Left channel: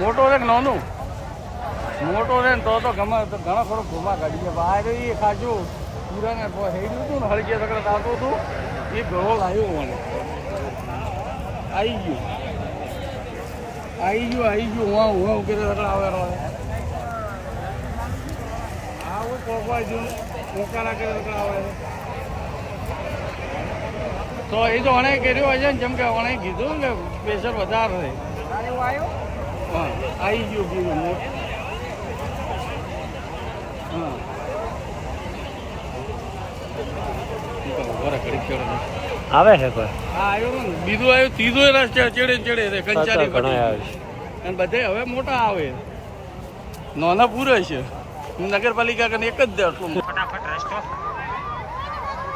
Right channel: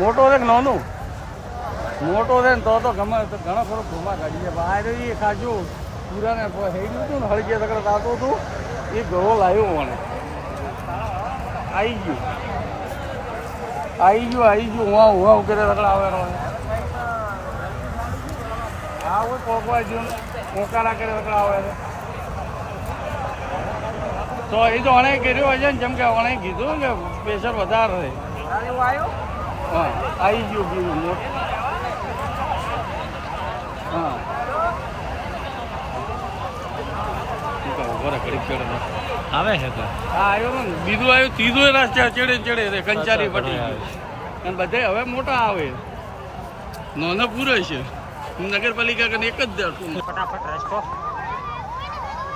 મોટો છે નાનું? મોટો છે તો તો ગમે, તો ઘણા ખરો ઘુમા કાઢી છે બહાર એ ખાજો. પૂરાને હેડ્યું હતું ને હળગે તકડે થતું હતું. એ ઘણો લાવ્યો મને. આવી ગયું. આવી ગયું આવી ગયું. હું હુવા કરે તકડે આવે રહે આવું હું જ્યું કોકારા કરે તકડે આવે છે. તો એ તો અણે કર્યું હશે ને, જેમ કે અણે કીધું કે પ્રેશર વધારે છે. હા આવી ગયું બીજું મોટ હા. શું રહે, આવે છે તો. હા આવ્યો ને. બીજું આવ્યું ત્રીજું એ રસ્તે ચડે ચડે રે કંચારી પટેલ. અને બધે હવે મોટા આવે. નાના પૂરે છે. નગરપાલિકા કરીને એક જ દે ફટાફટ રસ્તો.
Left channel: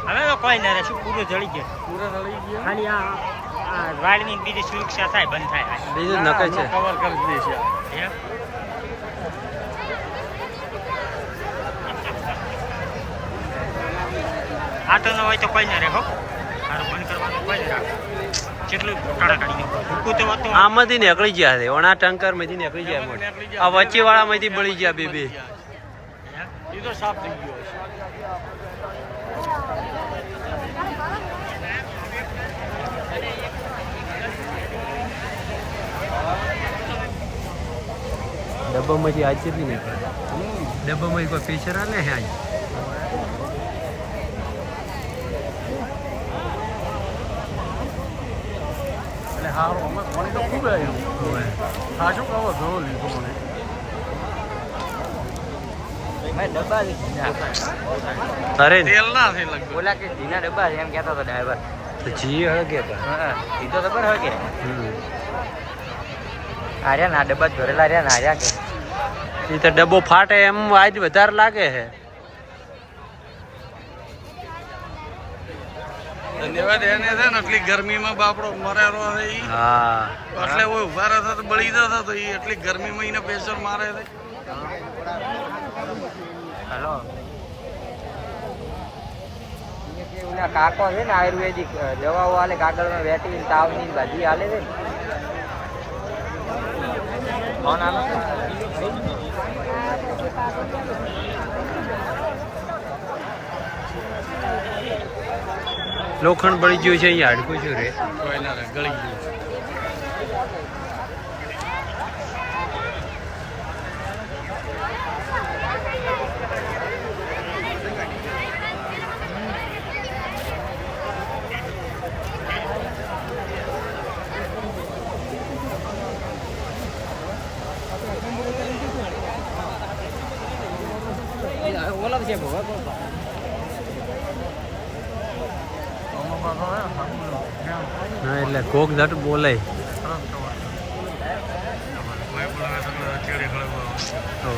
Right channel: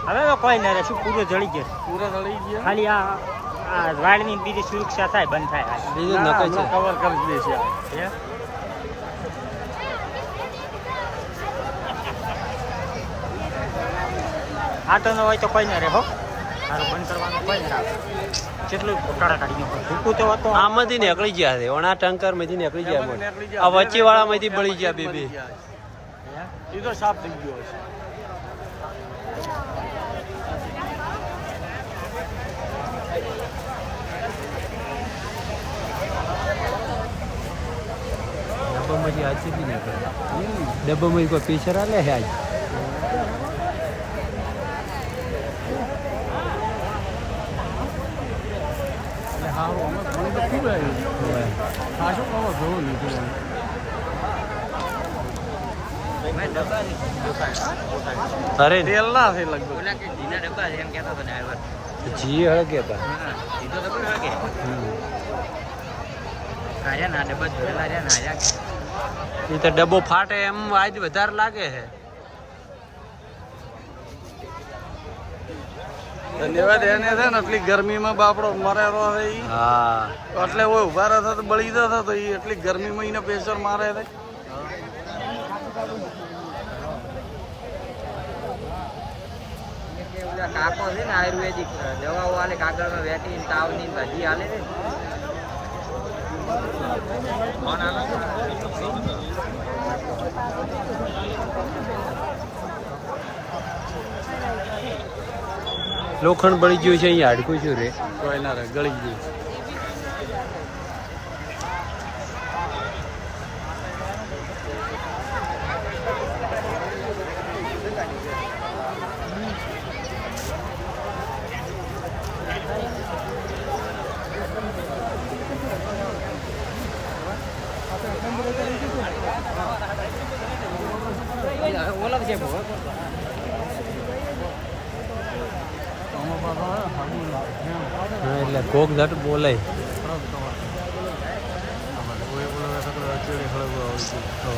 હવે તો કોઈ નહીં રહેશું પૂરે જળી ગયો? પૂરે ચડી ગયો. ખાલી આ આ વાળની બીજી સુરક્ષા થાય બંધ થાય. બીજું નકે છે. કવર કરી દે છે. આટો ન હોય તો કોઈ ના રહે હો. સારું બંધ કરવાનું કોઈ ના રાખે. કેટલું કાઢા કાઢી નાખો ભૂકું તો હતો. આમાંથી નીકળી ગયા છે. ઓણા ટંકરમાંથી નીકળી ગયા મોટ આ વચ્ચે વાળા માંથી બળી ગયા બે બે. એ તો સાફ થઈ ગયો હશે ડબ્બામાંથી આજ કેટલી નીકળે ડબ્બામાંથી કોઈ પીછર આલે છે આજ હોવે. અરે તેલ ના થઈ લગભગ ઓલા કે ઢીલા ડબ્બા છે એમ કહેતો હતો ડ્રાઈવર તો જી હળગે પણ હા સીધો ખબર હોય કે હમ. આર્યા ના ડબ્બા ધરેલા રહ્યા ને આર્યા કે એ તો ડબ્બો ફાટે એમ આજ વધારે લાગે છે. લેવા દે છે ને એટલી ગરમીમાં બાપડો મરેલો છે ઈ. હા. એટલે ઓય ઊભા રહેતા તો બળી જતા તો ઈ એટલી ગરમીમાં એને પ્રેશર મારે છે. હેલો કાકો છે ને આયુર્વેદિક દવાઓ અને કાગળ નો વેટી તાવની બધી આલે છે. લોખંડ બળી ગયું છે અહીંયા હાડકું શું રે? ઓલા છે ભોગા. એટલે કોક ઝટ બોલે તો